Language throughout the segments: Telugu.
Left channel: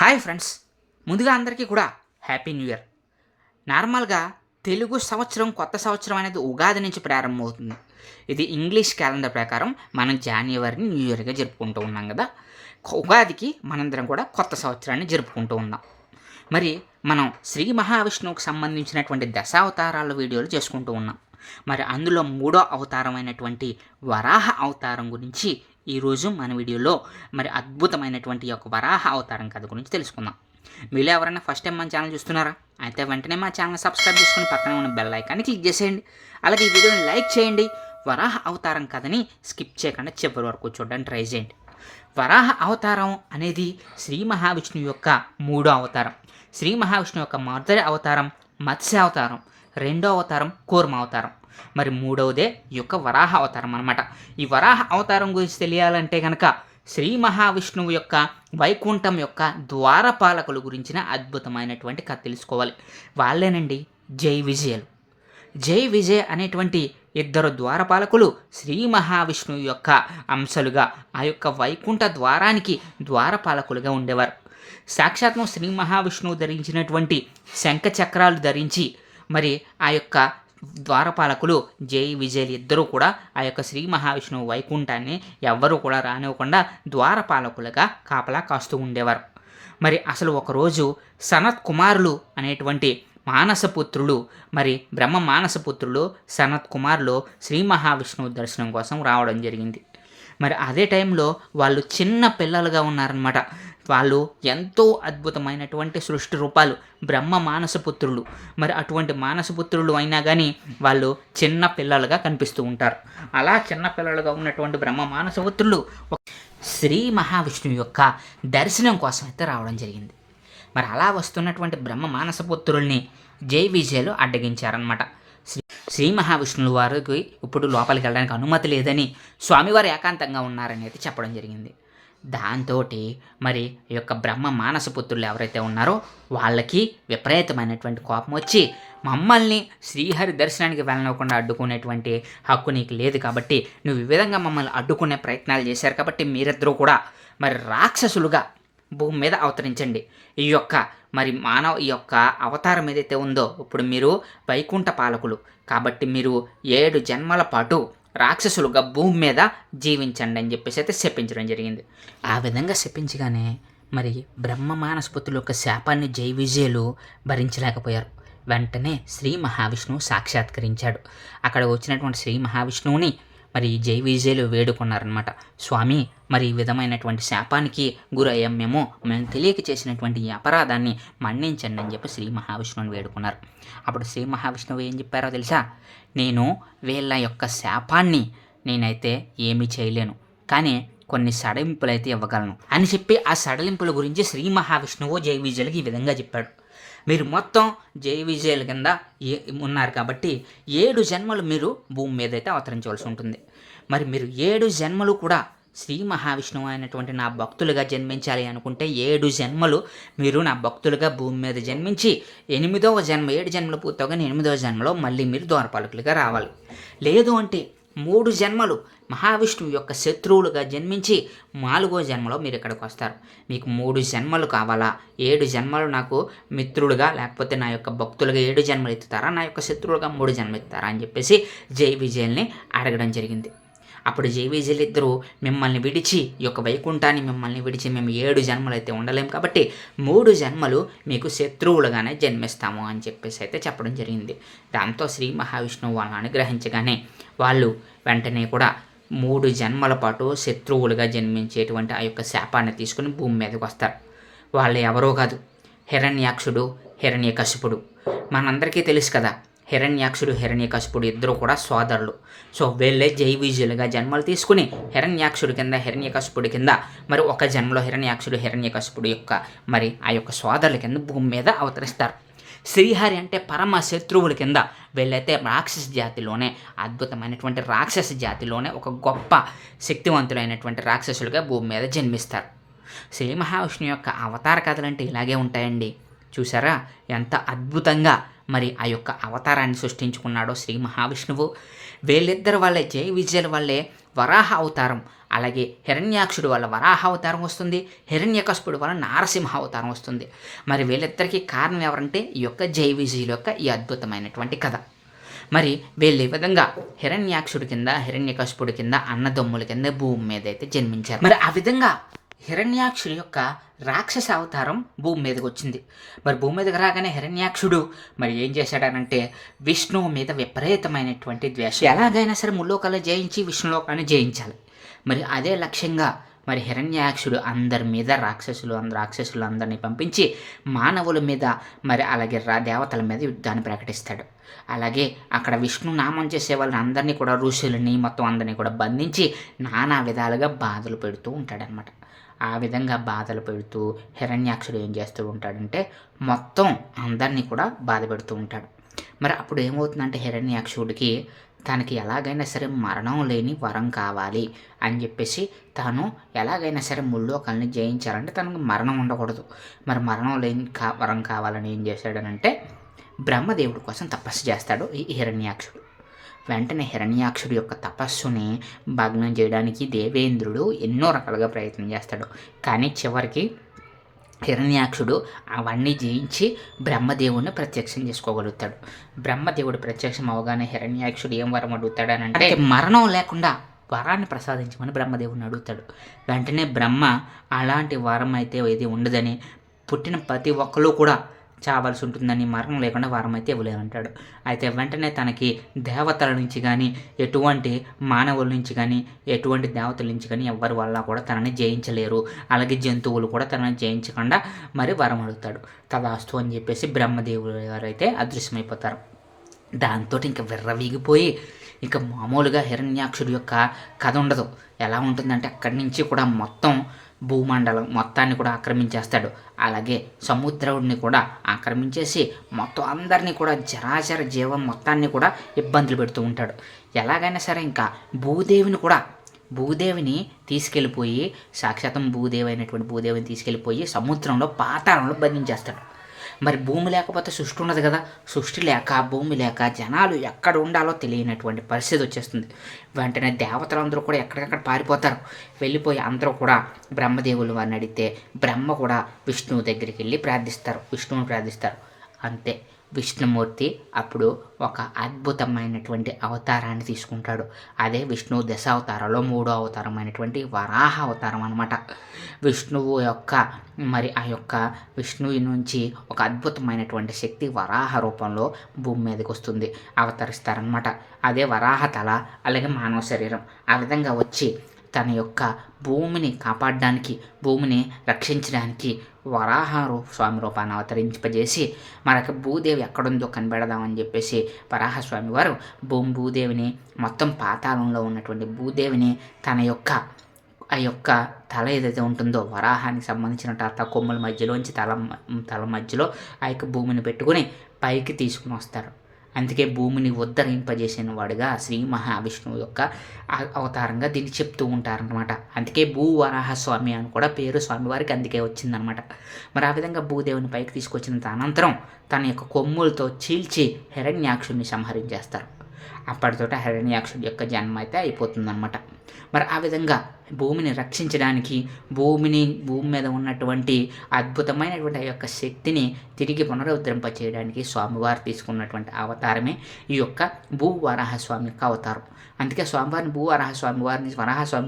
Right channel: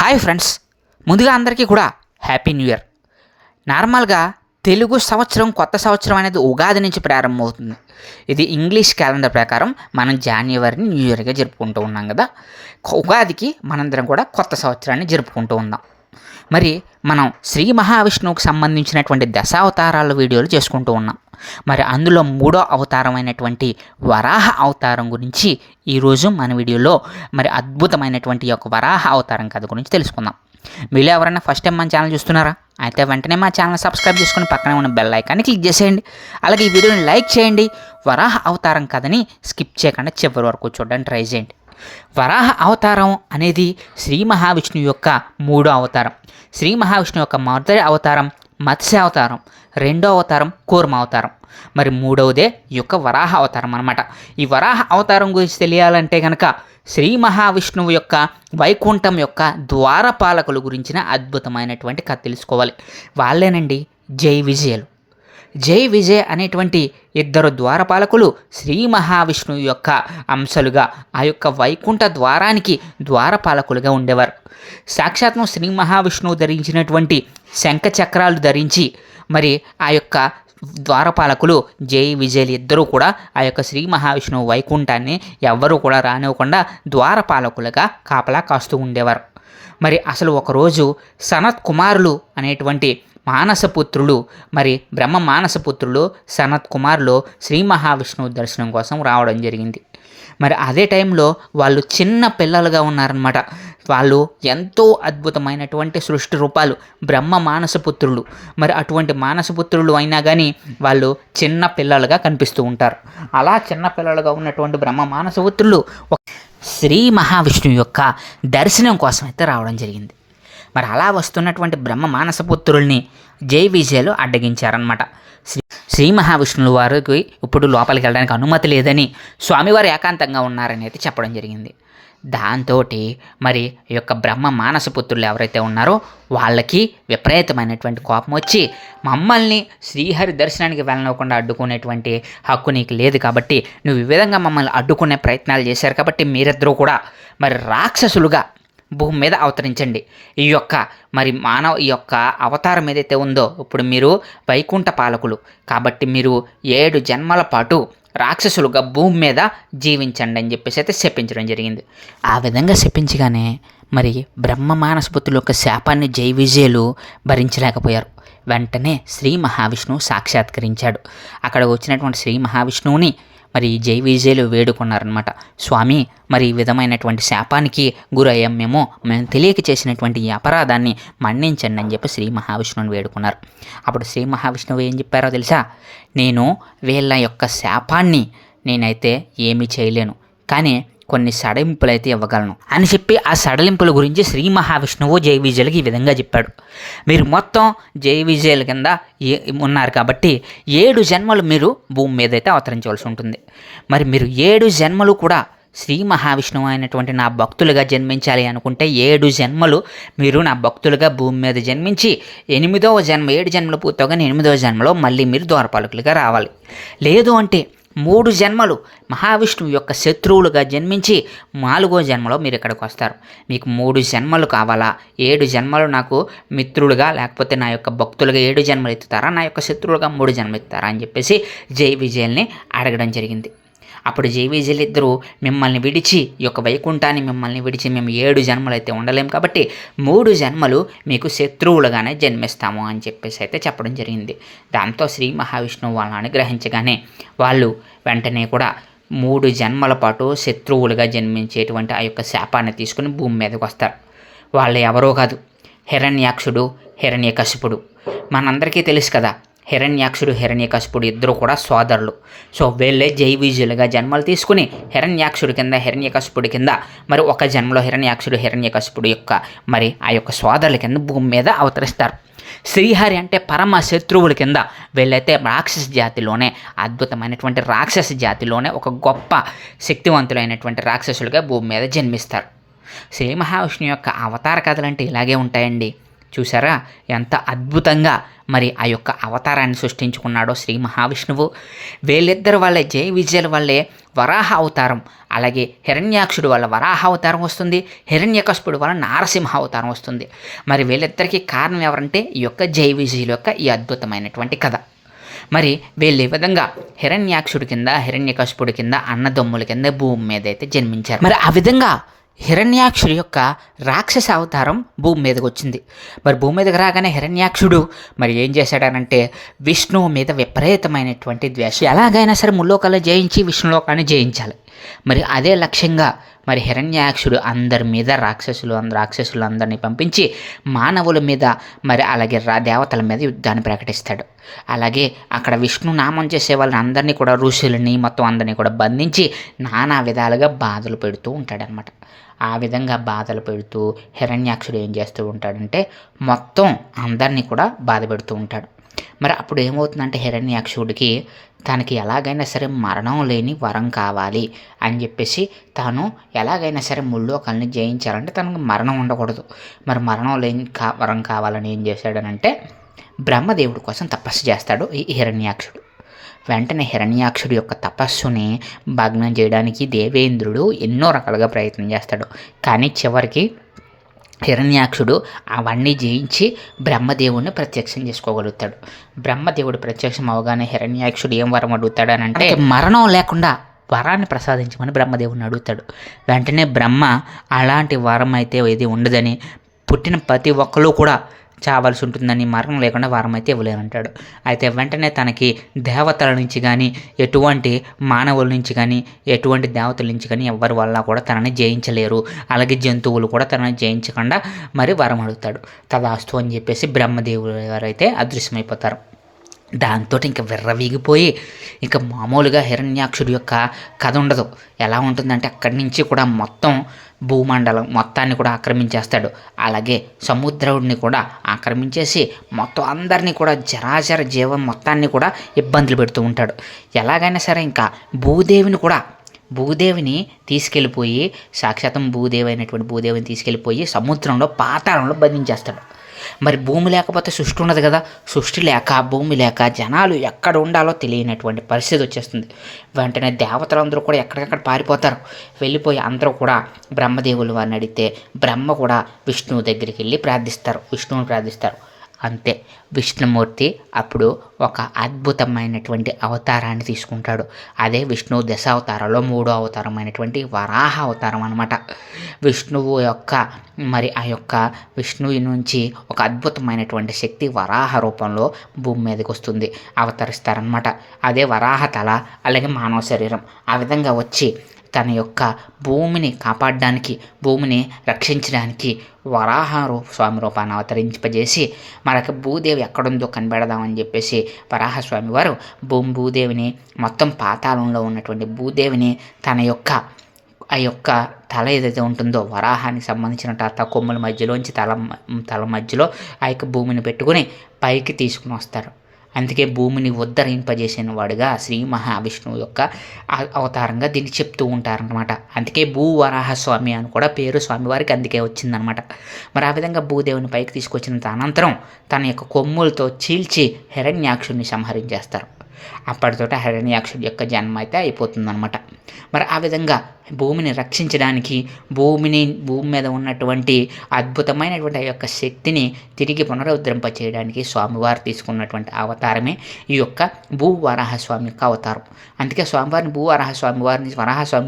హాయ్ ఫ్రెండ్స్, ముందుగా అందరికీ కూడా హ్యాపీ న్యూ ఇయర్. నార్మల్గా తెలుగు సంవత్సరం కొత్త సంవత్సరం అనేది ఉగాది నుంచి ప్రారంభమవుతుంది. ఇది ఇంగ్లీష్ క్యాలెండర్ ప్రకారం మనం జనవరిని న్యూ ఇయర్గా జరుపుకుంటూ ఉన్నాం కదా. ఉగాదికి మనందరం కూడా కొత్త సంవత్సరాన్ని జరుపుకుంటూ ఉన్నాం. మరి మనం శ్రీ మహావిష్ణువుకు సంబంధించినటువంటి దశావతారాల వీడియోలు చేసుకుంటూ ఉన్నాం. మరి అందులో మూడో అవతారమైనటువంటి వరాహ అవతారం గురించి ఈరోజు మన వీడియోలో మరి అద్భుతమైనటువంటి యొక్క వరాహ అవతారం కథ గురించి తెలుసుకుందాం. మీలో ఎవరైనా ఫస్ట్ టైం మన ఛానల్ చూస్తున్నారా? అయితే వెంటనే మా ఛానల్ సబ్స్క్రైబ్ చేసుకుని పక్కనే ఉన్న బెల్ ఐకాన్ని క్లిక్ చేసేయండి. అలాగే ఈ వీడియోని లైక్ చేయండి. వరాహ అవతారం కథని స్కిప్ చేయకుండా చివరి వరకు చూడడానికి ట్రై చేయండి. వరాహ అవతారం అనేది శ్రీ మహావిష్ణువు యొక్క మూడో అవతారం. శ్రీ మహావిష్ణువు యొక్క మొదటి అవతారం మత్స్య అవతారం, రెండో అవతారం కూర్మ అవతారం, మరి మూడవదే ఈ యొక్క వరాహ అవతారం అన్నమాట. ఈ వరాహ అవతారం గురించి తెలియాలంటే కనుక శ్రీ మహావిష్ణువు యొక్క వైకుంఠం యొక్క ద్వారపాలకుల గురించిన అద్భుతమైనటువంటి కథ తెలుసుకోవాలి. వాళ్ళేనండి జై విజయులు. జై విజయ్ అనేటువంటి ఇద్దరు ద్వారపాలకులు శ్రీ మహావిష్ణువు యొక్క అంశలుగా ఆ యొక్క వైకుంఠ ద్వారానికి ద్వారపాలకులుగా ఉండేవారు. సాక్షాత్మ శ్రీ మహావిష్ణువు ధరించినటువంటి శంఖ చక్రాలు ధరించి మరి ఆ యొక్క ద్వారపాలకులు జై విజయులు ఇద్దరూ కూడా ఆ యొక్క శ్రీ మహావిష్ణువు వైకుంఠాన్ని ఎవ్వరూ కూడా రానివ్వకుండా ద్వారపాలకులుగా కాపలా కాస్తూ ఉండేవారు. మరి అసలు ఒకరోజు సనత్ కుమారులు అనేటువంటి మానసపుత్రులు, మరి బ్రహ్మ మానసపుత్రులు సనత్ కుమారులు శ్రీ మహావిష్ణువు దర్శనం కోసం రావడం జరిగింది. మరి అదే టైంలో వాళ్ళు చిన్న పిల్లలుగా ఉన్నారనమాట. వాళ్ళు ఎంతో అద్భుతమైనటువంటి సృష్టి రూపాలు, బ్రహ్మ మానసపుత్రులు. మరి అటువంటి మానసపుత్రులు అయినా కానీ వాళ్ళు చిన్న పిల్లలుగా కనిపిస్తూ ఉంటారు. అలా చిన్న పిల్లలుగా ఉన్నటువంటి బ్రహ్మ మానసపుత్రులు శ్రీ మహావిష్ణువు యొక్క దర్శనం కోసం అయితే రావడం జరిగింది. మరి అలా వస్తున్నటువంటి బ్రహ్మ మానసపుత్రుల్ని జై విజయులు అడ్డగించారనమాట. శ్రీ మహావిష్ణువు వారికి ఇప్పుడు లోపలికి వెళ్ళడానికి అనుమతి లేదని స్వామివారు ఏకాంతంగా ఉన్నారని అయితే చెప్పడం జరిగింది. దాంతో మరి ఈ యొక్క బ్రహ్మ మానసపుత్రులు ఎవరైతే ఉన్నారో వాళ్ళకి విపరీతమైనటువంటి కోపం వచ్చి, మమ్మల్ని శ్రీహరి దర్శనానికి వెళ్ళనివ్వకుండా అడ్డుకునేటువంటి హక్కు నీకు లేదు కాబట్టి, నువ్వు ఈ విధంగా మమ్మల్ని అడ్డుకునే ప్రయత్నాలు చేశారు కాబట్టి మీరిద్దరూ కూడా మరి రాక్షసులుగా భూమి మీద అవతరించండి. ఈ యొక్క మరి ఈ యొక్క అవతారం ఏదైతే ఉందో, ఇప్పుడు మీరు వైకుంఠ పాలకులు కాబట్టి మీరు 7 జన్మల పాటు రాక్షసులుగా భూమి మీద జీవించండి అని చెప్పేసి అయితే శపించడం జరిగింది. ఆ విధంగా శపించగానే మరి బ్రహ్మ మానసపుత్రుల యొక్క శాపాన్ని జై విజయులు భరించలేకపోయారు. వెంటనే శ్రీ మహావిష్ణువు సాక్షాత్కరించాడు. అక్కడ వచ్చినటువంటి శ్రీ మహావిష్ణువుని మరి జై విజయులు వేడుకున్నారనమాట. స్వామి, మరి ఈ విధమైనటువంటి శాపానికి గురయ్యాం, మేము తెలియక చేసినటువంటి ఈ అపరాధాన్ని మన్నించండి అని చెప్పి శ్రీ మహావిష్ణువుని వేడుకున్నారు. అప్పుడు శ్రీ మహావిష్ణువు ఏం చెప్పారో తెలుసా? నేను వీళ్ళ యొక్క శాపాన్ని నేనైతే ఏమీ చేయలేను, కానీ కొన్ని సడలింపులు అయితే ఇవ్వగలను అని చెప్పి ఆ సడలింపుల గురించి శ్రీ మహావిష్ణువు జై విజయులకి ఈ విధంగా చెప్పాడు. మీరు మొత్తం జై విజయుల కింద ఉన్నారు కాబట్టి 7 జన్మలు మీరు భూమి మీద అయితే అవతరించవలసి ఉంటుంది. మరి మీరు 7 జన్మలు కూడా శ్రీ మహావిష్ణువు అయినటువంటి నా భక్తులుగా జన్మించాలి అనుకుంటే 7 జన్మలు మీరు నా భక్తులుగా భూమి మీద జన్మించి 8వ జన్మ, 7 జన్మలు పూర్తవగానే 8వ జన్మలో మళ్ళీ మీరు ద్వారపాలకులుగా రావాలి. లేదు అంటే 3 జన్మలు మహావిష్ణువు యొక్క శత్రువులుగా జన్మించి 4వ జన్మలో మీరు ఇక్కడికి వస్తారు. మీకు 3 జన్మలు కావాలా? 7 జన్మలు నాకు మిత్రులుగా లేకపోతే నా యొక్క భక్తులుగా 7 జన్మలు ఎత్తుతారా, నా యొక్క శత్రువులుగా 3 జన్మలు ఎత్తుతారా అని చెప్పేసి జై విజయుల్ని అడగడం జరిగింది. అప్పుడు జై విజయులు ఇద్దరు, మిమ్మల్ని విడిచి ఈ యొక్క వైకుంఠాన్ని మిమ్మల్ని విడిచి మేము 7 జన్మలు అయితే ఉండలేం కాబట్టి 3 జన్మలు మీకు శత్రువులుగానే జన్మిస్తాము అని చెప్పేసి అయితే చెప్పడం జరిగింది. దాంతో శ్రీ మహావిష్ణువు వాళ్ళని అనుగ్రహించగానే వాళ్ళు వెంటనే కూడా 3 జన్మల పాటు శత్రువులుగా జన్మించేటువంటి ఆ యొక్క శాపాన్ని తీసుకుని భూమి మీదకి వస్తారు. వాళ్ళు ఎవరో కాదు, హిరణ్యాక్షుడు, హిరణ్యకశిపుడు. మనందరికీ తెలుసు కదా, హిరణ్యాక్షుడు, హిరణ్యకశిపుడు ఇద్దరు కూడా సోదరులు. సో వీళ్ళే జై విజయులుగా జన్మలు తీసుకుని హిరణ్యాక్షుడి కింద, హిరణ్యకశిపుడి కింద, మరి ఒక జన్మలో హిరణ్యాక్షుడు, హిరణ్యకశిపుడు యొక్క మరి ఆ యొక్క సోదరుల కింద భూమి మీద అవతరిస్తారు. శ్రీహరి అంటే పరమ శత్రువుల కింద వీళ్ళైతే రాక్షస జాతిలోనే, అద్భుతమైనటువంటి రాక్షస జాతిలోనే ఒక గొప్ప శక్తివంతులైనటువంటి రాక్షసులుగా భూమి మీద జన్మిస్తారు. శ్రీ మహావిష్ణువు యొక్క అవతార కథలు అంటే ఇలాగే ఉంటాయండి. చూసారా ఎంత అద్భుతంగా మరి ఆ యొక్క అవతారాన్ని సృష్టించుకున్నాడో శ్రీ మహావిష్ణువు. వీళ్ళిద్దరు వల్లే, జయ విజయుల వల్లే వరాహ అవతారం, అలాగే హిరణ్యాక్షుడు వల్ల వరాహ అవతారం వస్తుంది, హిరణ్యకశిపుడు వల్ల నారసింహ అవతారం వస్తుంది. మరి వీళ్ళిద్దరికీ కారణం ఎవరంటే ఈ యొక్క జయ విజయుల యొక్క ఈ అద్భుతమైనటువంటి కథ. మరి వీళ్ళు ఈ విధంగా హిరణ్యాక్షుడి కింద, హిరణ్యకశిపుడి కింద, అన్నదమ్ముల కింద భూమి మీద అయితే జన్మించారు. మరి ఆ విధంగా హిరణ్యాక్షుడి యొక్క రాక్షస అవతారం భూమి మీదకి వచ్చింది. మరి భూమి మీదకి రాగానే హిరణ్యాక్షుడు మరి ఏం చేశాడనంటే విష్ణువు మీద విపరీతమైనటువంటి ద్వేషం, ఎలాగైనా సరే ముల్లోకాలను జయించి విష్ణులోకాన్ని జయించాలి. మరి అదే లక్ష్యంగా మరి హిరణ్యాక్షుడు అందరి మీద రాక్షసులందరినీ పంపించి మానవుల మీద మరి అలాగే దేవతల మీద యుద్ధాన్ని ప్రకటిస్తాడు. అలాగే అక్కడ విష్ణు నామం చేసే వాళ్ళని అందరినీ కూడా, ఋషులని మొత్తం అందరినీ కూడా బంధించి నానా విధాలుగా బాధలు పెడుతూ ఉంటాడనమాట. ఆ విధంగా బాధలు పెడుతూ హిరణ్యాక్షుడు ఏం చేస్తూ ఉంటాడంటే మొత్తం అందరినీ కూడా బాధ పెడుతూ ఉంటాడు. మరి అప్పుడు ఏమవుతుందంటే హిరణ్యాక్షుడికి తనకి ఎలాగైనా సరే మరణం లేని వరం కావాలి అని చెప్పేసి తాను ఎలాగైనా సరే ముల్లోకాలని జయించాలంటే తనకు మరణం ఉండకూడదు. మరి మరణం లేని వరం కావాలని ఏం చేశాడనంటే బ్రహ్మదేవుడి కోసం తపస్సు చేస్తాడు ఈ హిరణ్యాక్షుడు. వెంటనే హిరణ్యాక్షుడి యొక్క తపస్సుని భగ్నం చేయడానికి దేవేంద్రుడు ఎన్నో రకాలుగా ప్రయత్నం చేస్తాడు. కానీ చివరికి హిరణ్యాక్షుడు అవన్నీ జయించి బ్రహ్మదేవుడిని ప్రత్యక్షం చేసుకోగలుగుతాడు. బ్రహ్మదేవుడు ప్రత్యక్షం అవగానే హిరణ్యాక్షుడు ఏం వరం అడుగుతాడని అంటే మరణం లేకుండా వరాన్ని ప్రసాదించమని బ్రహ్మదేవుడిని అడుగుతాడు. వెంటనే బ్రహ్మ అలాంటి వరం అయితే ఏది ఉండదని, పుట్టిన ప్రతి ఒక్కరు కూడా చావాల్సి ఉంటుందని, మరణం లేకుండా వరం అయితే ఇవ్వలేనంటాడు. అయితే వెంటనే తనకి దేవతల నుంచి కానీ, ఎటువంటి మానవుల నుంచి కానీ, ఎటువంటి దేవతల నుంచి కానీ ఎవరి వల్ల కూడా తనని జయించలేరు, అలాగే జంతువులు కూడా తనని జయించకుండా మరి వరం అడుగుతాడు. తదాస్తు అని చెప్పేసి బ్రహ్మదేవుడు గారైతే అదృశ్యమైపోతారు. దాంతో ఇంకా విర్రవీగిపోయి ఇంకా మామూలుగా హిరణ్యాక్షుడి యొక్క కథ ఉండదు. ఎలా ఉంటుందంటే అక్కడి నుంచి కూడా మొత్తం భూమండలం మొత్తాన్ని కూడా ఆక్రమించేస్తాడు. అలాగే సముద్రుడిని కూడా ఆక్రమించేసి మొత్తం అందరినీ కూడా జరాచర జీవం మొత్తాన్ని కూడా ఇబ్బందులు పెడుతూ ఉంటాడు. ఎలాగైనా సరే ఇంకా భూదేవిని తీసుకెళ్ళిపోయి, సాక్షాత్తం భూదేవి అయినటువంటి భూదేవిని తీసుకెళ్ళిపోయి సముద్రంలో, పాతాళంలో బంధించేస్తాడు. మరి భూమి లేకపోతే సృష్టి ఉండదు కదా, సృష్టి లేక భూమి లేక జనాలు ఎక్కడ ఉండాలో తెలియనటువంటి పరిస్థితి వచ్చేస్తుంది. వెంటనే దేవతలందరూ కూడా ఎక్కడికక్కడ పారిపోతారు. వెళ్ళిపోయి అందరూ కూడా బ్రహ్మదేవులు వారిని అడిగితే బ్రహ్మ కూడా విష్ణువు దగ్గరికి వెళ్ళి విష్ణువుని ప్రార్థిస్తారు. అంతే, విష్ణుమూర్తి అప్పుడు ఒక అద్భుతమైనటువంటి అవతారాన్ని తీసుకుంటాడు. అదే విష్ణువు దశావతారాల్లో 3వ అవతారమైనటువంటి వరాహ అవతారం అనమాట. విష్ణువు యొక్క మరి ఆ యొక్క విష్ణువు నుంచి ఒక అద్భుతమైనటువంటి శక్తి వరాహ రూపంలో భూమి మీదకి వస్తుంది, అవతరిస్తారనమాట. అదే వరాహ తల, అలాగే మానవ శరీరం. ఆ విధంగా వచ్చి తన యొక్క భూమిని కాపాడడానికి, భూమిని రక్షించడానికి స్వామి రూపాన్ని అవతరింపజేసి మనకి భూదేవి ఎక్కడుందో కనిపెడదామని చెప్పేసి వరాహస్వామి వారు భూదేవిని, మొత్తం పాతాళంలో ఉన్నటువంటి భూదేవిని తన యొక్క ఆ యొక్క తల ఏదైతే ఉంటుందో వరాహానికి సంబంధించిన కొమ్ముల మధ్యలోంచి తల మధ్యలో ఆ యొక్క భూమిని పెట్టుకుని పైకి తీసుకుని వస్తారు. అందుకే భూమిని ఉద్ధరింపజేసిన వాడుగా శ్రీ మహావిష్ణువు యొక్క అవతారంగా దీన్ని చెప్తూ ఉంటారనమాట. అందుకే భూవరాహస్వామి అని కూడా పేరు స్వామివారికి అందుకే వచ్చిందనమాట. మరి ఆ విధంగా భూదేవుని పైకి తీసుకొచ్చిన అనంతరం తన యొక్క కొమ్ములతో చీల్చి హిరణ్యాక్షుడిని సంహరించేస్తారు. అప్పటితో హిరణ్యాక్షుడి యొక్క జన్మ అయితే అయిపోతుందన్నమాట. మరి ఆ విధంగా భూమిని రక్షించడానికి, భూమి మీద ఉన్నటువంటి అద్భుతమైనటువంటి ఆ యొక్క శక్తిని తిరిగి పునరుద్ధరింప చేయడానికి స్వామివారు తీసుకున్నటువంటి అవతారమే ఈ యొక్క భూవరాహస్వామి యొక్క అవతారం. అందుకే వరాహస్వామి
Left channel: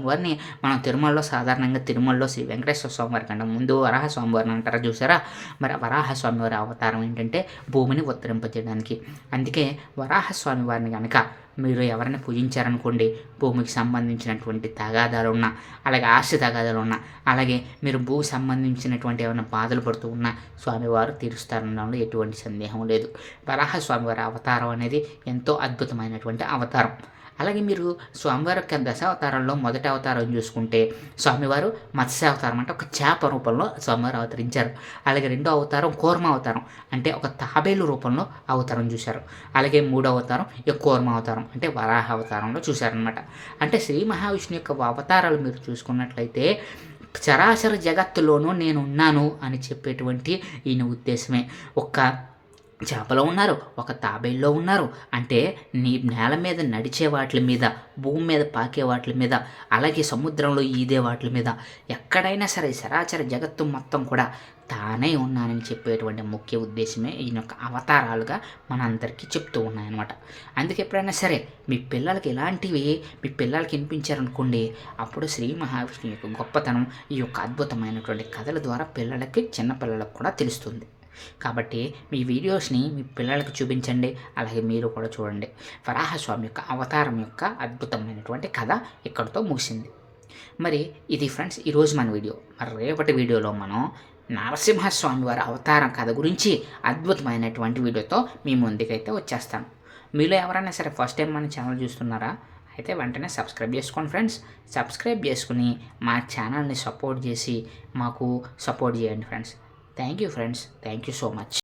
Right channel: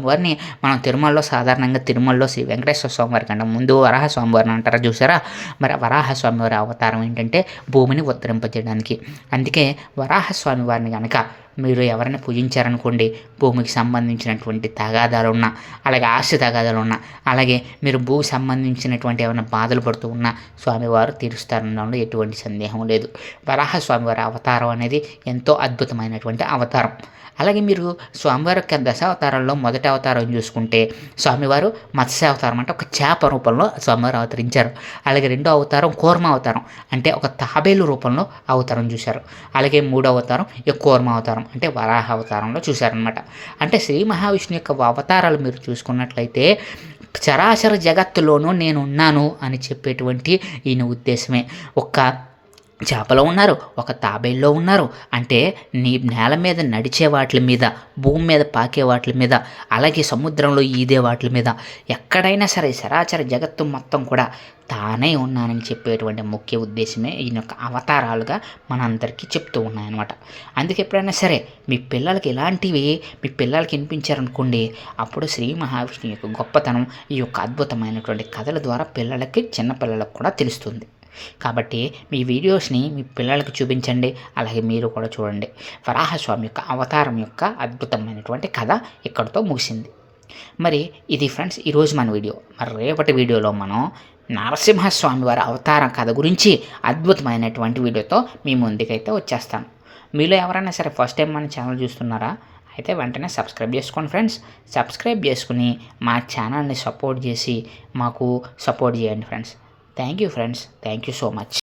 వారిని మనం తిరుమలలో శ్రీ వెంకటేశ్వర స్వామి వారి కంటే ముందు వరాహస్వామి వారిని అంటారా చూసారా. మరి వరాహస్వామి వారి అవతారం ఏంటంటే భూమిని ఉద్ధరింపజేయడానికి. అందుకే వరాహస్వామి వారిని కనుక మీరు ఎవరైనా పూజించారనుకోండి, భూమికి సంబంధించినటువంటి తగాదాలు ఉన్నా, అలాగే ఆస్తి తగాదాలు ఉన్నా, అలాగే మీరు భూమికి సంబంధించినటువంటి ఏమైనా బాధలు పడుతూ ఉన్నా స్వామివారు తీరుస్తారనడంలో ఎటువంటి సందేహం లేదు. వరాహస్వామివారి అవతారం అనేది ఎంతో అద్భుతమైనటువంటి అవతారం. అలాగే మీరు స్వామివారి యొక్క దశావతారాల్లో మొదటి అవతారం చూసుకుంటే స్వామివారు మత్స్యావతారం, అంటే ఒక చేప రూపంలో స్వామివారు అవతరించారు. అలాగే రెండో అవతారం కూర్మ అవతారం, అంటే ఒక తాబేలు రూపంలో అవతారం చూశారు. అలాగే మూడో అవతారం ఈ కూర్మ అవతారం, అంటే వరాహ అవతారంలో చూశారనమాట. అంటే శ్రీ మహావిష్ణువు యొక్క అవతారాలు మీరు చూసుకున్నట్లయితే చరాచర జగత్తులోనూ నేనున్నాను అని చెప్పేటువంటి ఈయన ఉద్దేశమే. ఒక్క చేపలో ఉన్నారు, ఒక తాబేల్లో ఉన్నారు. అంటే నేల మీద నడిచే వాటి మీద, భూమి మీద పాకే వాటి మీద, అలాగే సముద్రంలో ఈదే వాటి మీద, ఎక్కడైనా సరే చరాచర జగత్తు మొత్తం కూడా తానే ఉన్నానని చెప్పేటువంటి ముఖ్య ఉద్దేశమే ఈయన యొక్క అవతారాలుగా మనందరికీ చెప్తూ ఉన్నాయన్నమాట. అందుకే ఎప్పుడైనా సరే మీ పిల్లలకి ఇలాంటివి మీ పిల్లలకి వినిపించారనుకోండి, అప్పుడు శ్రీ మహావిష్ణువు యొక్క గొప్పతనం ఈ యొక్క అద్భుతమైనటువంటి కథల ద్వారా పిల్లలకి చిన్నపిల్లలకు కూడా తెలుస్తుంది. కాబట్టి మీ వీడియోస్ని మీ పిల్లలకు చూపించండి, అలాగే మీరు కూడా చూడండి. వరాహస్వామి యొక్క అవతారం యొక్క అద్భుతమైనటువంటి కథ ఇక్కడితో ముగిసింది. మరి ఇది ఫ్రెండ్స్ ఈరోజు మన వీడియో. మరి రేపటి వీడియోలో మనం నరసింహస్వామి వారి అవతారం కథ గురించి అద్భుతమైనటువంటి వీడియోతో మీ ముందుకైతే వచ్చేస్తాను. మీలో ఎవరైనా సరే ఫస్ట్ టైం మన ఛానల్ చూస్తున్నారా? అయితే వెంటనే సబ్స్క్రైబ్ చేసుకోండి ఫ్రెండ్స్. సబ్స్క్రైబ్ చేసుకుని మా ఛానల్ని సపోర్ట్ చేసి మాకు సపోర్ట్ చేయండి friends. Thank you friends. Thank you so much.